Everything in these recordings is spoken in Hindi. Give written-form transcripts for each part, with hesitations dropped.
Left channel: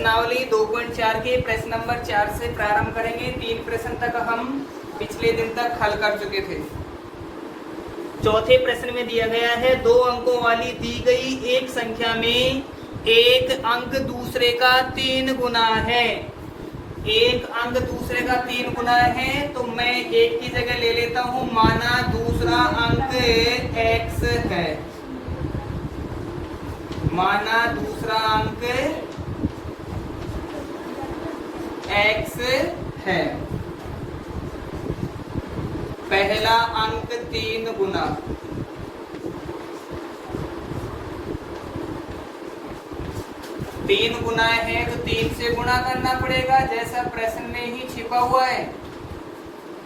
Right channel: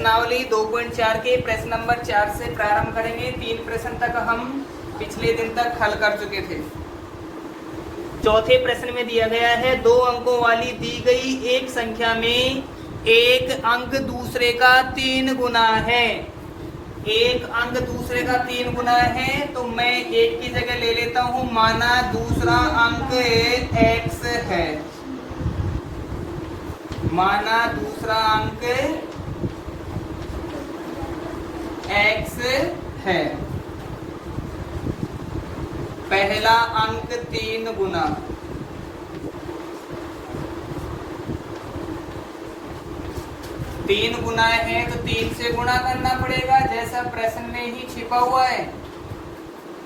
प्रश्नावली 2.4 के प्रश्न नंबर 4 से प्रारंभ करेंगे। 3 प्रश्न तक हम पिछले दिन तक हल कर चुके थे। चौथे प्रश्न में दिया गया है 2 अंकों वाली दी गई एक संख्या में एक अंक दूसरे का 3 गुना है। एक अंक दूसरे का 3 गुना है तो मैं एक की जगह ले लेता हूं, माना दूसरा अंक x है, माना दूसरा अंक x है। पहला अंक 3 गुना, तीन गुना है तो 3 से गुणा करना पड़ेगा, जैसा प्रश्न में ही छिपा हुआ है।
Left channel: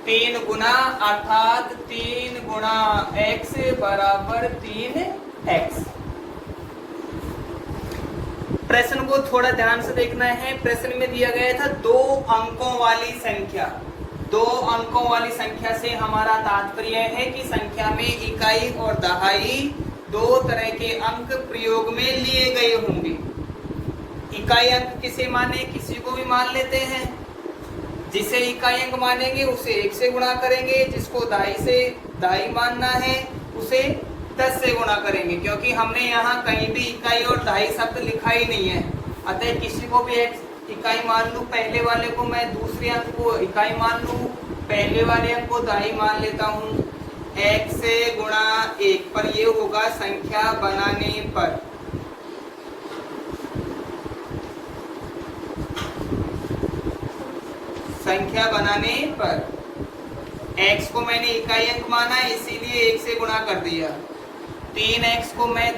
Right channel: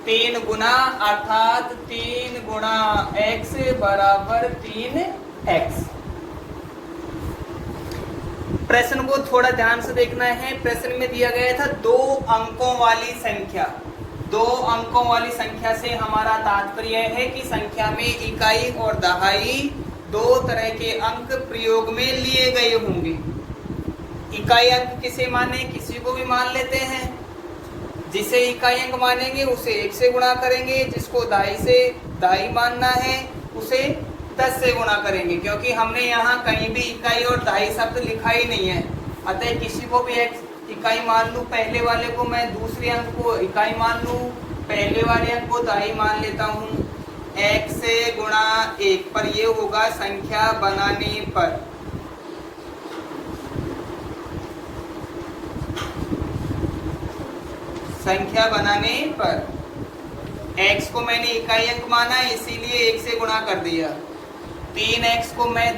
3 गुना अर्थात 3 गुणा x बराबर 3x। प्रश्न को थोड़ा ध्यान से देखना है। प्रश्न में दिया गया था 2 अंकों वाली संख्या। 2 अंकों वाली संख्या से हमारा तात्पर्य है कि संख्या में इकाई और दहाई 2 तरह के अंक प्रयोग में लिए गए होंगे। इकाई अंक किसे माने, किसी को भी मान लेते हैं। जिसे इकाई अंक मानेंगे उसे 1 से गुणा करेंगे, जिसको दहाई मानना है उसे 10 से गुणा करेंगे, क्योंकि हमने यहाँ कहीं भी इकाई और दहाई शब्द लिखा ही नहीं है। अतः किसी को भी इकाई मान लूं, पहले वाले को मैं दूसरे अंक को इकाई मान लूं, पहले वाले अंक को दहाई मान लेता हूँ। x से गुणा 1 पर ये होगा संख्या बनाने पर। संख्या बनाने पर x को मैंने इकाई अंक माना इसीलिए 1 से गुणा कर दिया। 3x को मैं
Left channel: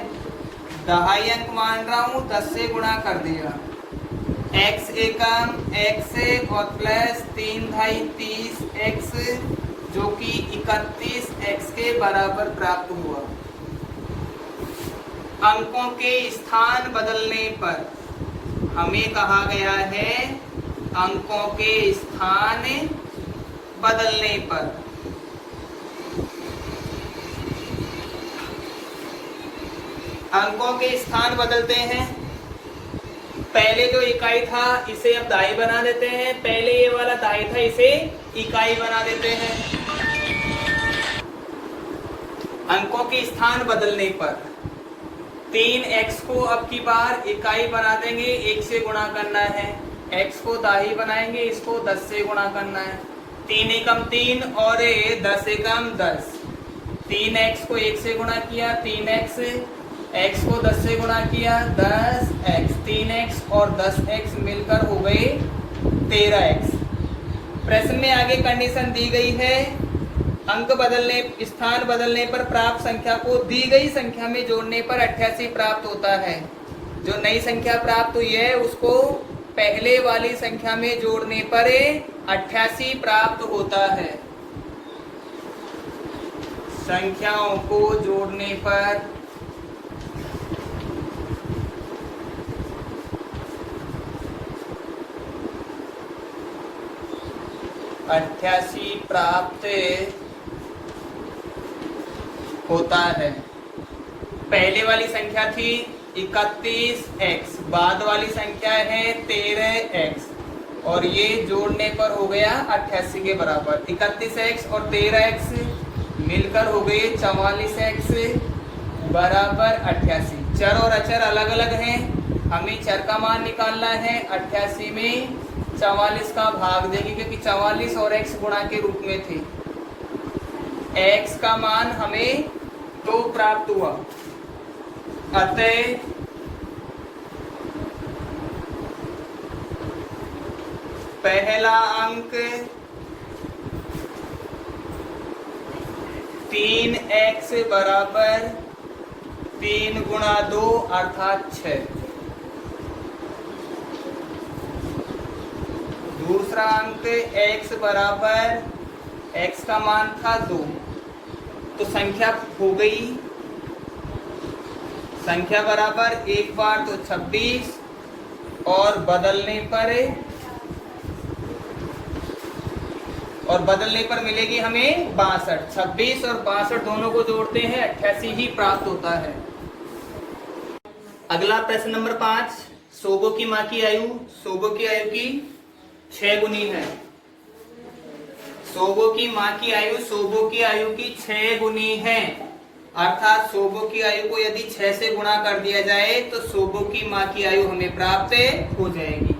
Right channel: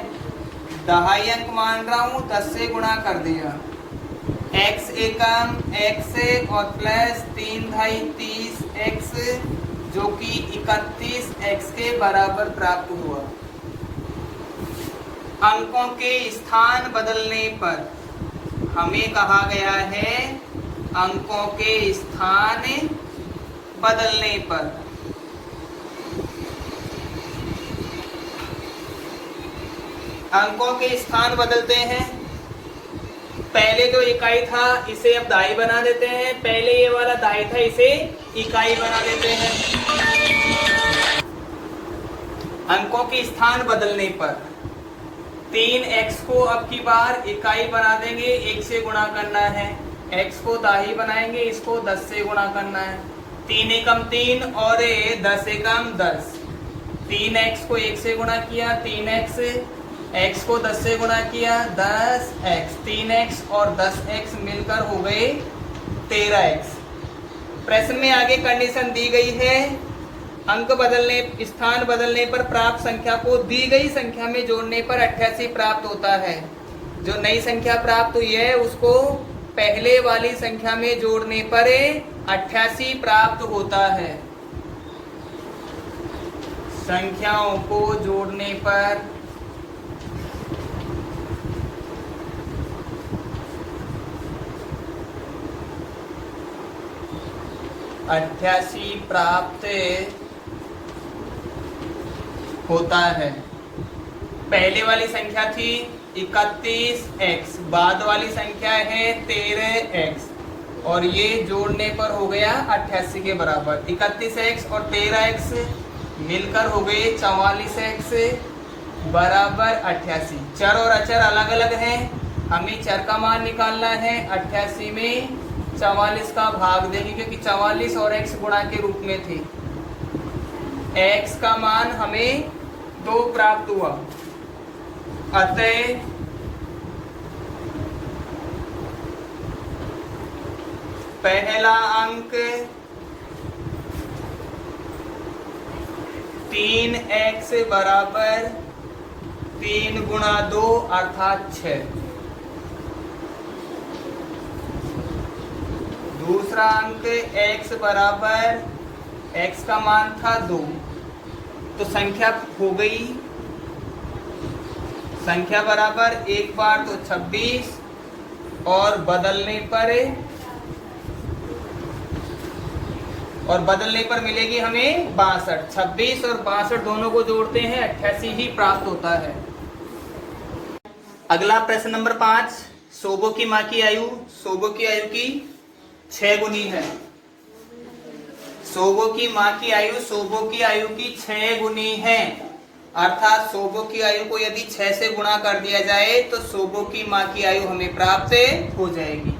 दहाई अंक मान रहा हूँ, 10 से गुणा कर दिया। x एकम x और प्लस 3 दहाई 30x जो कि 31x के बराबर प्राप्त हुआ। अंकों के स्थान बदलने पर हमें कहा गया है, अंकों के स्थान बदलने पर अंकों के स्थान बदलते हैं। पहले जो इकाई था इसे अब दहाई बना देते हैं, पहले ये वाला दहाई था इसे इकाई बना देते हैं। अंकों के स्थान बदलने पर 3x को अब की बार इकाई बना देंगे, 1 से गुणा करना है। x को दहाई बनाएंगे, इसको 10 से गुणा करना है। 3 एकम 3 और 10 एकम 10। 3x को 1 से गुणा किया 3x, x को 10 से गुणा किया 10x, 3x और 10x मिलकर हो गए 13x। प्रश्न में आगे कंडीशन दी गई है, अंक बदलने स्थान बदलने पर प्राप्त संख्या को दी गई संख्या में जोड़ने पर 88 प्राप्त होता है। जो नई संख्या प्राप्त हुई है उसको पहले वाली संख्या में जोड़ने पर 88 प्राप्त होता है। संख्याओं को जोड़ने पर अट्ठासी प्राप्त होता है। पहले वाली संख्या थी 31x, बाद वाली संख्या है 13x और ये जोड़ने पर हो गया 88 के बराबर। 31x और 13x मिलकर हो गए 44x बराबर 88। चर और अचर अलग अलग हैं, हमें चर का मान निकालना है। 88 में 44 का भाग देंगे क्योंकि 44 और x गुणा के रूप में थे। x का मान हमें 2 प्राप्त हुआ, अतः पहला अंक 3x बराबर 3 गुणा 2 अर्थात 6। दूसरा अंक x बराबर x का मान था 2, तो संख्या हो गई, संख्या बराबर एक बार तो 26 और बदलने पर मिलेगी हमें 62। 26 और 62 दोनों को जोड़ते हैं 88 ही प्राप्त होता है। अगला प्रश्न नंबर 5, सोबो की माँ की आयु की 6 गुनी है। सोबो की माँ की आयु सोबो की आयु की 6 गुनी है, अर्थात सोबो की आयु को यदि 6 से गुणा कर दिया जाए तो सोबो की माँ की आयु हमें प्राप्त हो जाएगी।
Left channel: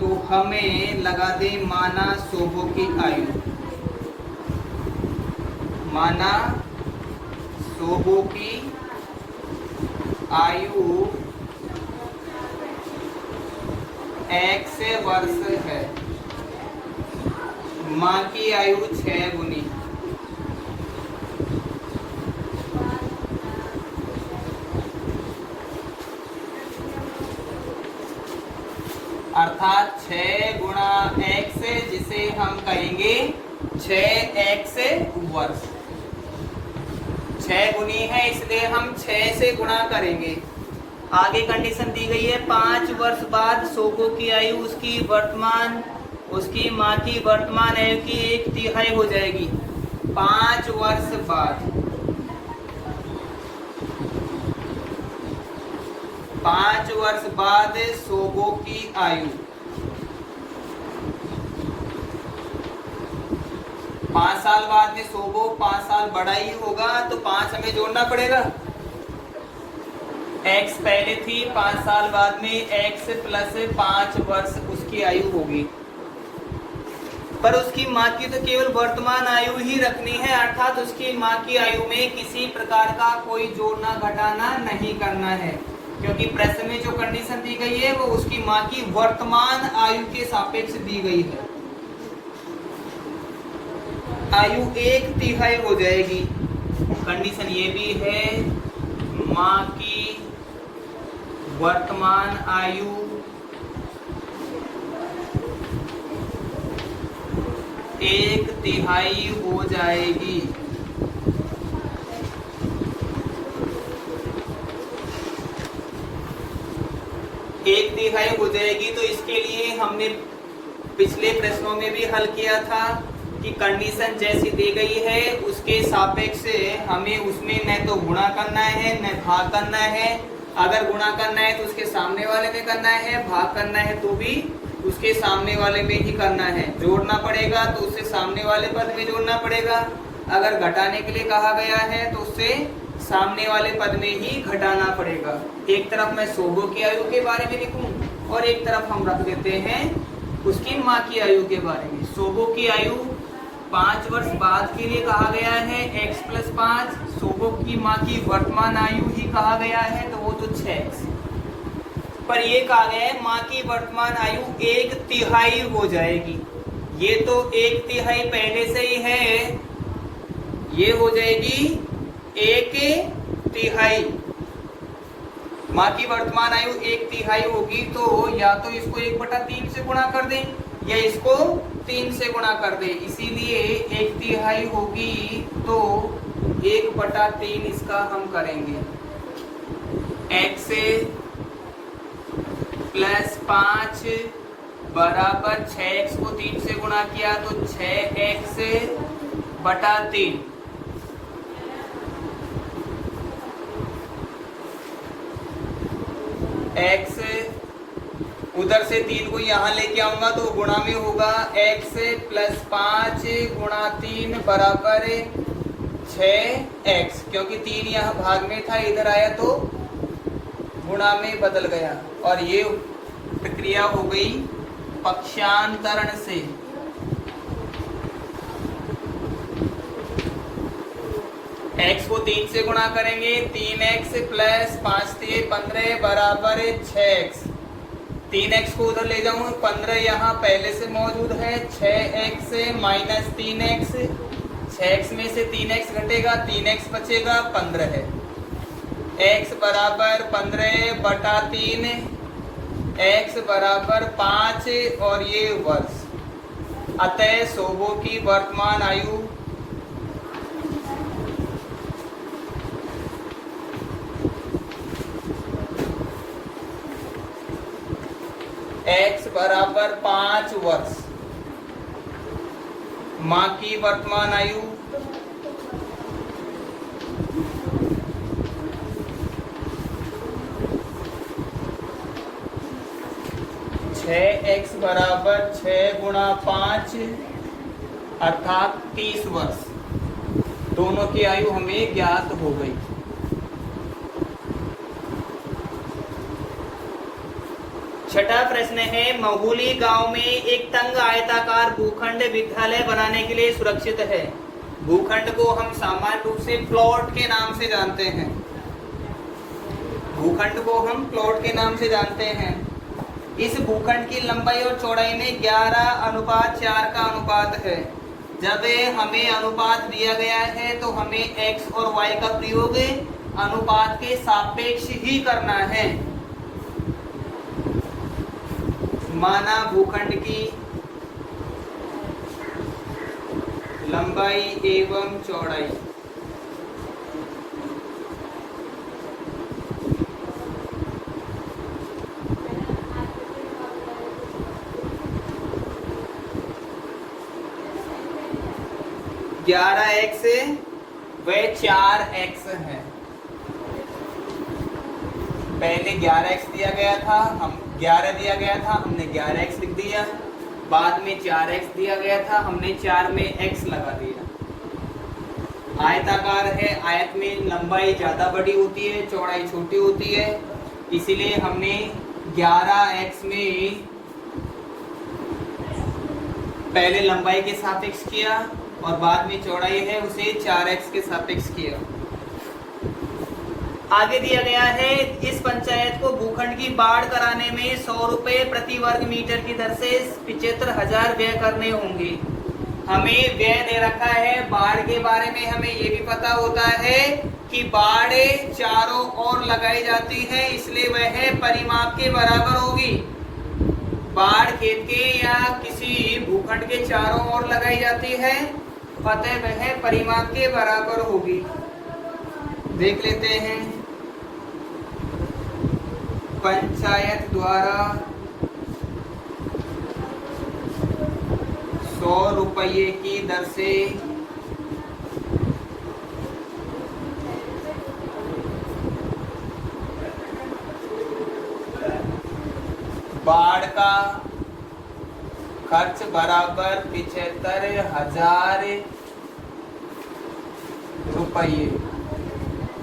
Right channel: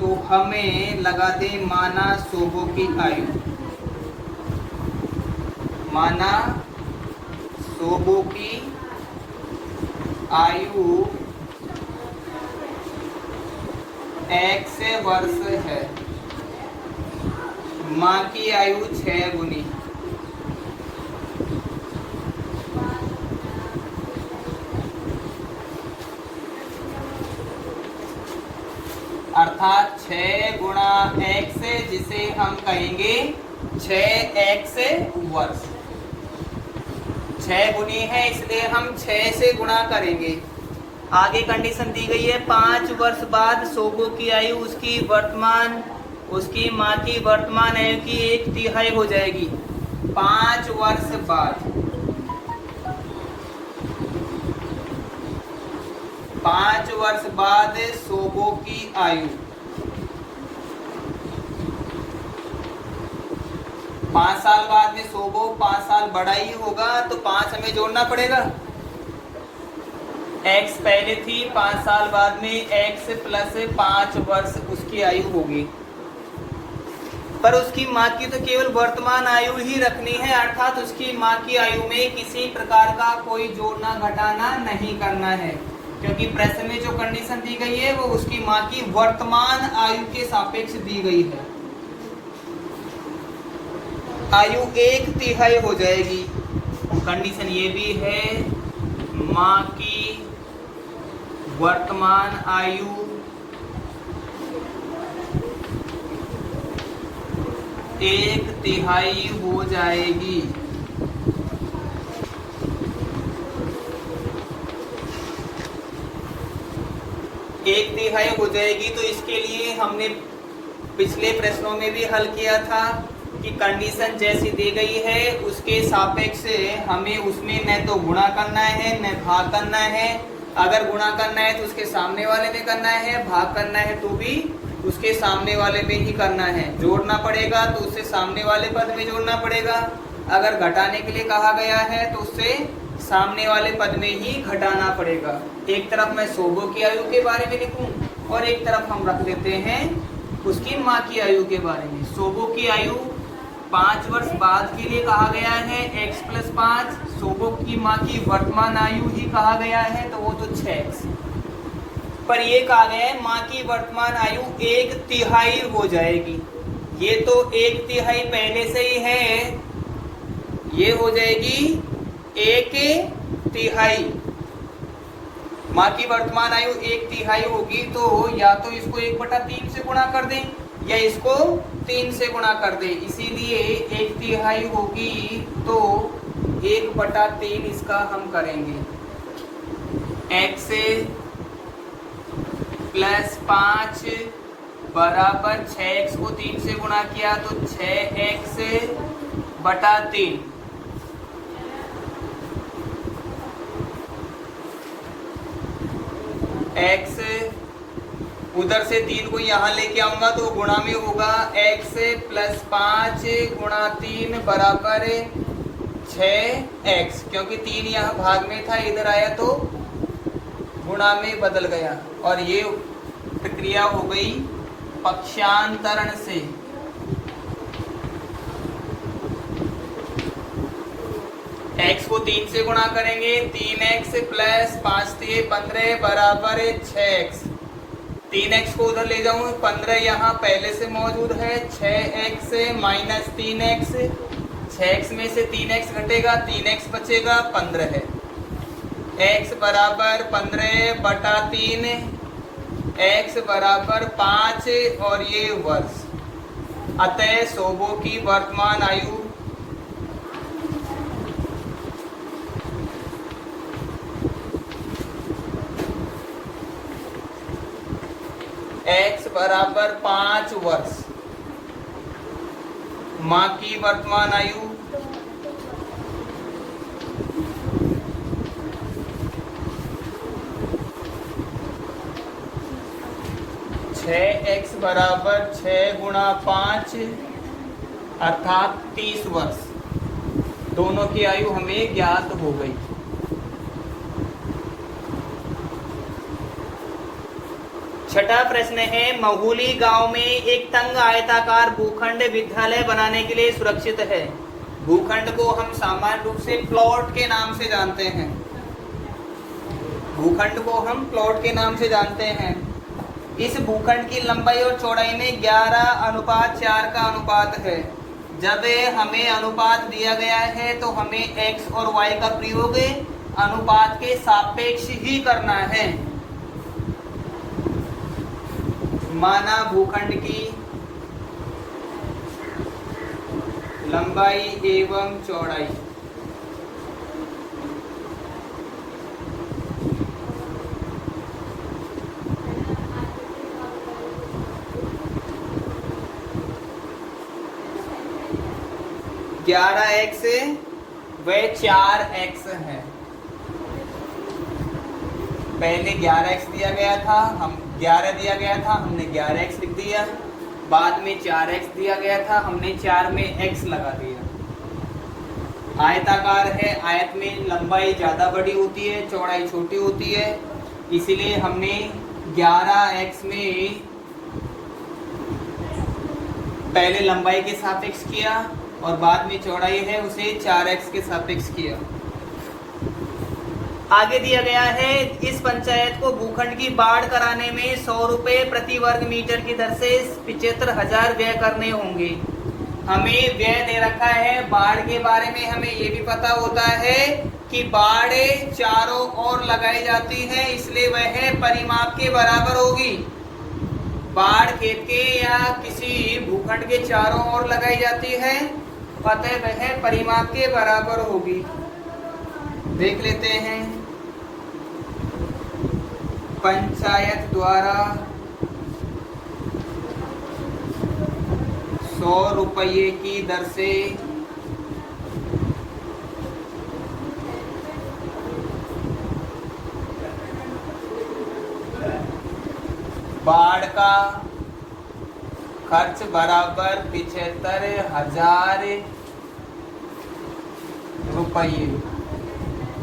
तो हमें लगा दे माना सोबो की आयु, माना सोबो की आयु x वर्ष है, माँ की आयु 6 गुनी, अर्थात 6 गुणा x, जिसे हम कहेंगे 6x वर्ष। 6 गुनी है इसलिए हम 6 से गुणा करेंगे। आगे कंडीशन दी गई है 5 वर्ष बाद सोबो की आयु उसकी माँ की वर्तमान आयु की 1/3 हो जाएगी। 5 वर्ष बाद 5 वर्ष बाद सोबो की आयु 5 साल बाद में सोबो 5 साल बड़ा ही होगा, तो 5 हमें जोड़ना पड़ेगा। x पहले थी, 5 साल बाद में x प्लस 5 वर्ष उसकी आयु होगी। पर उसकी माँ की तो केवल वर्तमान आयु ही रखनी है, अर्थात उसकी माँ की आयु में किसी प्रकार का कोई जोड़ना घटाना नहीं करना है, क्योंकि प्रश्न में जो कंडीशन दी गई है वो उसकी माँ की वर्तमान आयु के सापेक्ष दी गई है। आयु 1/3 हो जाएगी। कंडीशन ये भी है माँ की वर्तमान आयु 1/3 हो जाएगी। एक तिहाई हो जाएगी, तो इसके लिए हमने पिछले प्रश्नों में भी हल किया था कि कंडीशन जैसी दी गई है उसके सापेक्ष हमें उसमें न तो गुणा करना है न भाग करना है। अगर गुणा करना है तो उसके सामने वाले में करना है, भाग करना है तो भी उसके सामने वाले में ही करना है। जोड़ना पड़ेगा तो उससे सामने वाले पद में जोड़ना पड़ेगा। अगर घटाने के लिए कहा गया है तो उससे सामने वाले पद में ही घटाना पड़ेगा। एक तरफ मैं सोबो की आयु के बारे में लिखूं और एक तरफ हम रख लेते हैं उसकी माँ की आयु के बारे में। सोबो की आयु 5 वर्ष बाद के लिए कहा गया है x + 5, सोबो की माँ की वर्तमान आयु ही कहा गया है तो वो तो 6x, पर ये कहा गया है माँ की वर्तमान आयु 1/3 हो जाएगी। ये तो 1/3 पहले से ही है, ये हो जाएगी 1/3। माँ की वर्तमान आयु 1/3 होगी, तो या तो इसको 1/3 से गुणा कर दें या इसको 3 से गुणा कर दें। इसीलिए 1/3 होगी तो 1/3 इसका हम करेंगे। x + 5 बराबर 6x को 3 से गुणा किया तो 6x/3। x उधर से 3 को यहाँ लेके आऊंगा तो गुणा में होगा। x + 5 गुणा 3 बराबर 6x, क्योंकि 3 यहाँ भाग में था, इधर आया तो गुणा में बदल गया। और ये प्रक्रिया हो गई पक्षांतरण से। x को 3 से गुणा करेंगे, 3x + 5 × 15 बराबर 6x। 3x को उधर ले जाऊं, 15 यहाँ पहले से मौजूद है, 6x - 3x, 6x में से 3x घटेगा, 3x बचेगा, 15 है। x बराबर 15/3, x बराबर 5 और ये वर्ष। अतः सोबो की वर्तमान आयु x बराबर 5 वर्ष। माँ की वर्तमान आयु 6x बराबर 6 गुणा 5 अर्थात 30 वर्ष। दोनों की आयु हमें ज्ञात हो गई। छठा प्रश्न है, महुली गांव में एक तंग आयताकार भूखंड विद्यालय बनाने के लिए सुरक्षित है। भूखंड को हम सामान्य रूप से प्लॉट के नाम से जानते हैं। भूखंड को हम प्लॉट के नाम से जानते हैं। इस भूखंड की लंबाई और चौड़ाई में 11:4 का अनुपात है। जब हमें अनुपात दिया गया है तो हमें x और y का प्रयोग अनुपात के सापेक्ष ही करना है। माना भूखंड की लंबाई एवं चौड़ाई x व 4x है। पहले 11x दिया गया था, हम 11 दिया गया था, हमने 11x लिख दिया। बाद में 4x दिया गया था, हमने 4 में x लगा दिया। आयताकार है, आयत में लंबाई ज्यादा बड़ी होती है, चौड़ाई छोटी होती है, इसीलिए हमने 11x में पहले लंबाई के सापेक्ष किया और बाद में चौड़ाई है उसे 4x के सापेक्ष किया। आगे दिया गया है, इस पंचायत को भूखंड की बाढ़ कराने में 100 रुपए प्रति वर्ग मीटर की दर से 75,000 व्यय करने होंगे। हमें व्यय दे रखा है। बाढ़ के बारे में हमें ये भी पता होता है कि बाढ़ चारों ओर लगाई जाती है, इसलिए वह परिमाप के बराबर होगी। बाढ़ खेत के या किसी भूखंड के चारों ओर लगाई जाती है, अतः वह परिमाप के बराबर होगी। देख लेते हैं, पंचायत द्वारा 100 रुपये की दर से बाढ़ का खर्च बराबर 75,000 रुपये।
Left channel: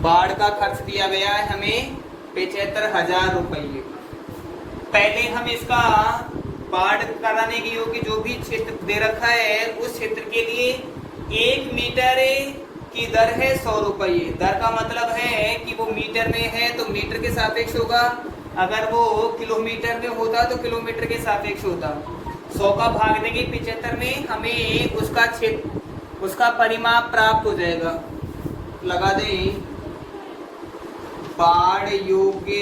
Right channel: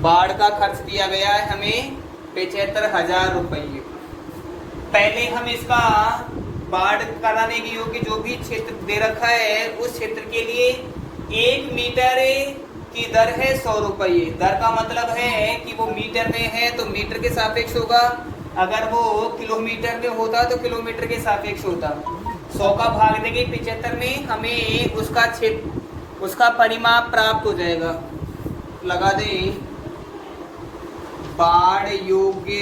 बाढ़ का खर्च दिया गया है हमें 75,000 रुपये। पहले हम इसका बाढ़ कराने की योग्य जो भी क्षेत्र दे रखा है उस क्षेत्र के लिए 1 मीटर की दर है 100 रुपये। दर का मतलब है कि वो मीटर में है तो मीटर के सापेक्ष होगा, अगर वो किलोमीटर में होता तो किलोमीटर के सापेक्ष होता। 100 का भाग देंगे 75 में, हमें उसका क्षेत्र उसका परिमाप प्राप्त हो जाएगा। लगा दें, बाढ़ योग्य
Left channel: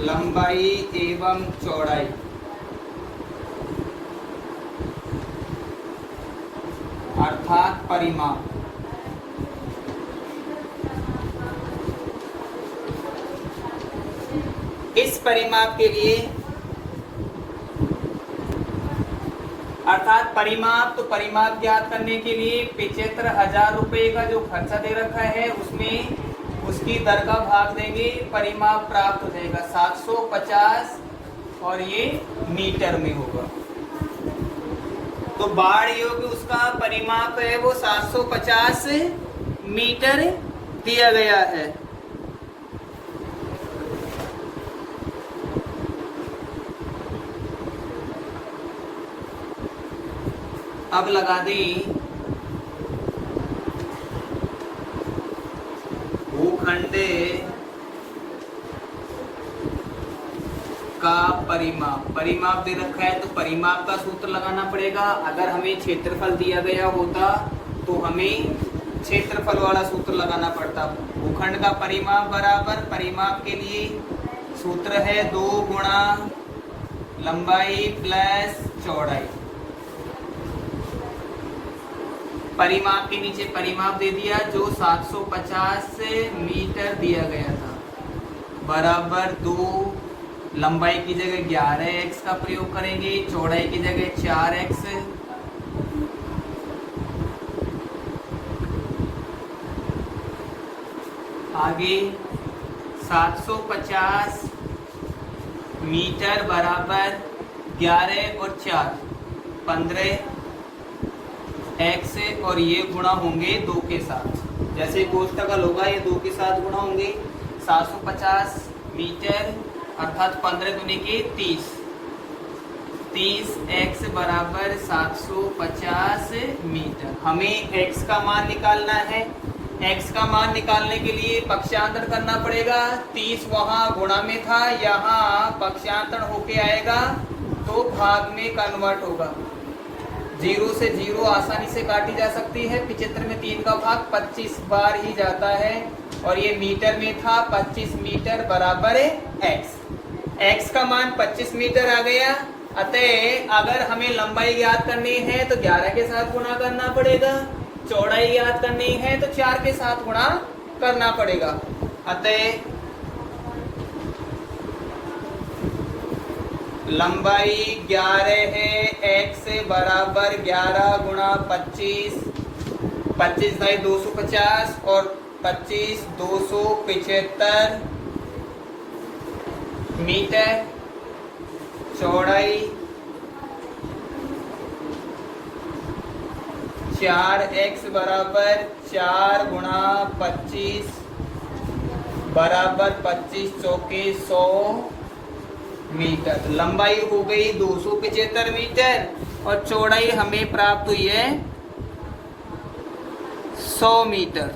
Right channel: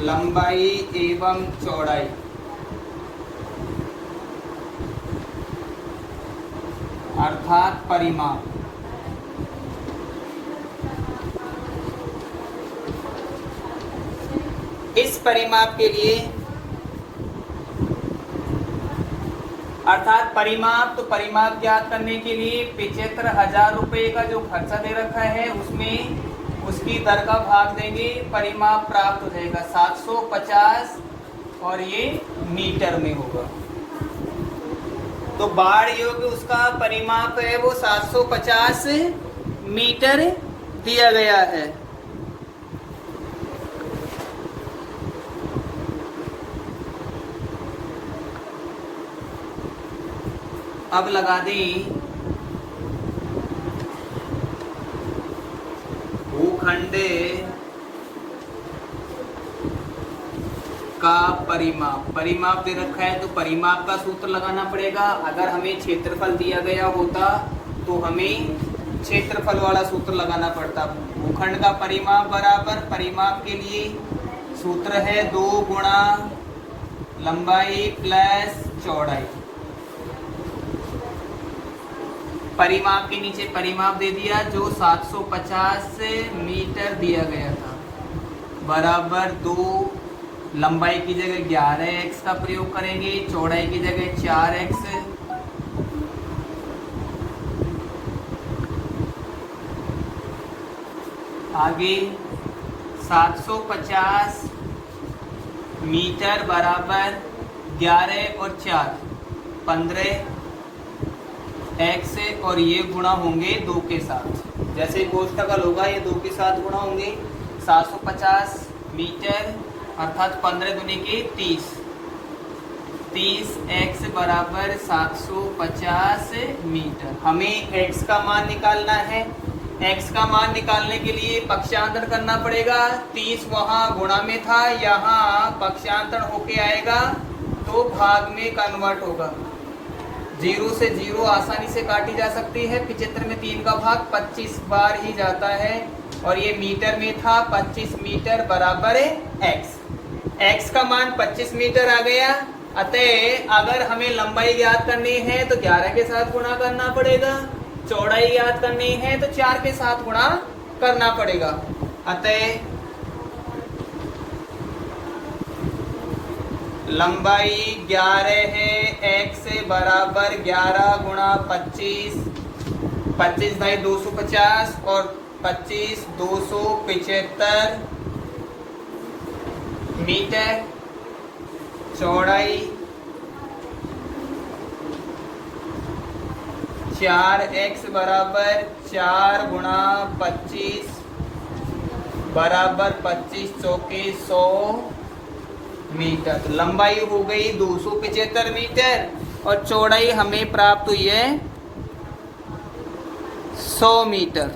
लंबाई एवं चौड़ाई अर्थात परिमाप। इस परिमाप के लिए अर्थात परिमाप, तो परिमाप ज्ञात करने के लिए 75,000 रुपये का जो खर्चा दे रखा है उसमें उसकी दर का भाग देंगे, परिमाप प्राप्त हो जाएगा 750 और ये मीटर में होगा। तो बाढ़ योग्य उसका परिमाप है वो 750 मीटर दिया गया है। अब लगा दें, भूखंड का परिमाप। परिमाप दे रखा है तो परिमाप का सूत्र लगाना पड़ेगा। अगर हमें क्षेत्रफल दिया गया होता तो हमें क्षेत्रफल वाला सूत्र लगाना पड़ता। भूखंड का परिमाप बराबर परिमाप के लिए सूत्र है 2 गुणा लंबाई प्लस चौड़ाई। परिमाप के नीचे परिमाप दे दिया जो 750 मीटर दिया गया था, बराबर 2 लंबाई की जगह 11x का प्रयोग करेंगे, चौड़ाई की जगह 4x। आगे 750 मीटर बराबर 11 और 4 15 x और ये गुणा होंगे 2 के साथ। जैसे कोष्ठक होगा ये 2 के साथ गुणा होंगे। 750 मीटर अर्थात 15 दूनी के 30 x बराबर 750 मीटर। हमें x का मान निकालना है। x का मान निकालने के लिए पक्षांतर करना पड़ेगा। 30 वहां गुणा में था, यहाँ पक्षांतर होके आएगा तो भाग में कन्वर्ट होगा। 0 से 0 आसानी से काटी जा सकती है। 75 में 3 का भाग 25 बार ही जाता है और ये मीटर में था। 25 मीटर बराबर x का मान 25 मीटर आ गया। अतः अगर हमें लंबाई याद करनी है तो 11 के साथ गुणा करना पड़ेगा, चौड़ाई याद करनी है तो 4 के साथ गुणा करना पड़ेगा। अतः लंबाई 11 है, x बराबर 11 गुणा 25, 25 बाई 250 और 25 275 मीटर। चौड़ाई 4x बराबर 4 गुणा 25 बराबर 25 चौके 100 मीटर। तो लंबाई हो गई 275 मीटर और चौड़ाई हमें प्राप्त हुई है 100 मीटर।